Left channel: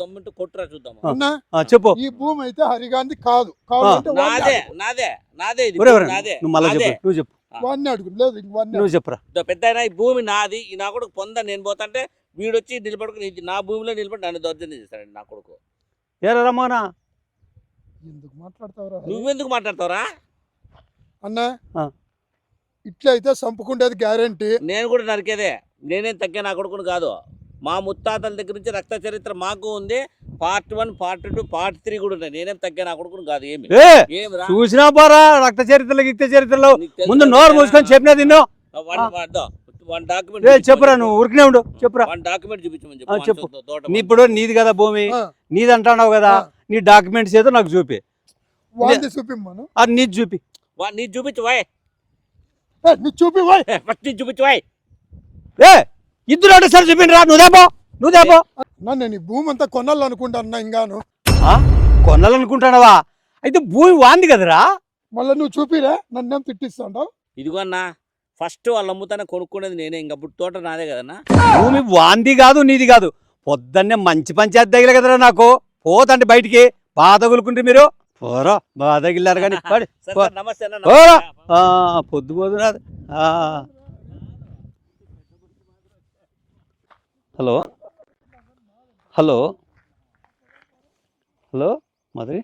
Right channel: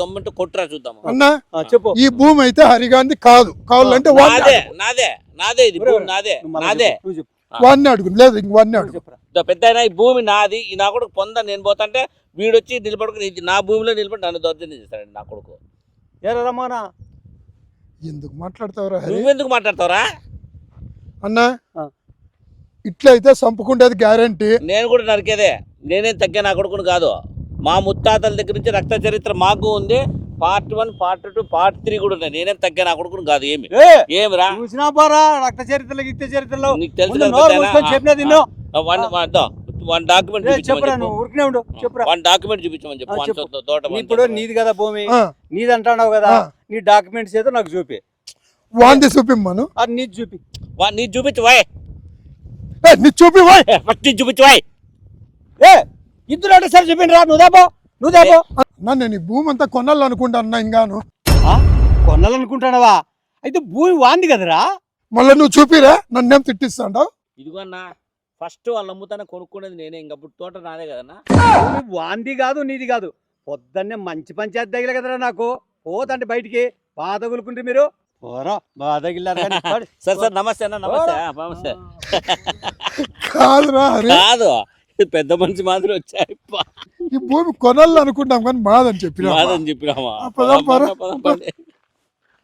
దమ్ముంటే కొట్టురా చూద్దాం. అన్నా చెప్పు. ఈ భూమి అయితే హరిగాంధీ కాదు, కావాలంటే నువ్వు చెప్పు. వాడిని అడుగు, లేదు ఇంక వాడిని చెప్పురా. పెద్ద ఈ భూమి నాది, ఈ నా కొడుకు పొంద నేను పోతాంటే వీడొచ్చి నిలబడుకుని నా భూమిలో నిలబడి నన్ను దౌర్జన్యం చేస్తాడు నా కొడుకు. ఏరా రమ్మనా, ఎందుకు మాట్లాడతావురా? నువ్వెందుకు మాట్లాడతావురా అన్నా? ఇట్లయితే చంపుకుంటేది గ్యారంటీ. నేను కూడా నరికేదే, నేనేం తగ్గే నా కొడుకుని కాదు. మా ముత్తాతల దగ్గర నుంచి రక్త చరిత్ర మాకు ఉంది. పార్ట్ 1, పార్ట్ 2, పార్ట్ 3 కూడా ఉన్నాయి. నేనేం తగ్గే నా కొడుకుని కాదు. ఏమిరా చూసినా పారా రక్త చరిత్రలో గిక్త చరిత్రలో ముందు నోరు మూసుకొని చెప్పినది నిన్ను. చెప్పురా, నువ్వు ఉరికినే ఉండు. చెప్పురా, డాక్యుమెంట్ చూపించమని చెప్పు. ఇప్పుడు నీది కదా భూమి, నీది అంటున్నావు కదా, నీ డాక్యుమెంట్స్ ఏదో నాకు చూపి. వాడిని చూపిమ్మను. అది నీది చూపి. నీది చూపించవాయ్, చూపివాయ్, ఫస్ట్ చూపించవాయ్. ఇద్దరు ఒకటేసారి చూపించరా. నువ్వు దేపా నేను ఈ భూమి అంతా కొనాలనుకుంటాను. ఇంకాను కొనాలనుకుంటున్నావా? అయితే భూమి వాంది కదరా. మళ్ళీ నువ్వు చూపిరా, నన్నేం తిట్టిస్తాండవు? ఇదిగో అన్నా, ఫస్ట్ వాళ్ళు అమ్ముతానే కొనుక్కునేది నేనే. ఇంకా తోట నాదే కదన్నా. భూమి వాంది కాదు, నీది కాదు. పొద్దున్నే మంచి పంచాయతీ తగిలే కదరా నాకు. పోతండి బయటికి, బాగా తగులుకుంటే మీరు పోరా. బాగా తగిలారు కానీ నమస్తే కాదు, పెద్ద మనిషి మాదిరి వచ్చాయి. ఈ భూమి కొనాలనుకుంటాం కానీ మాదని చెప్పి చెప్పినామా. హలో మధురి.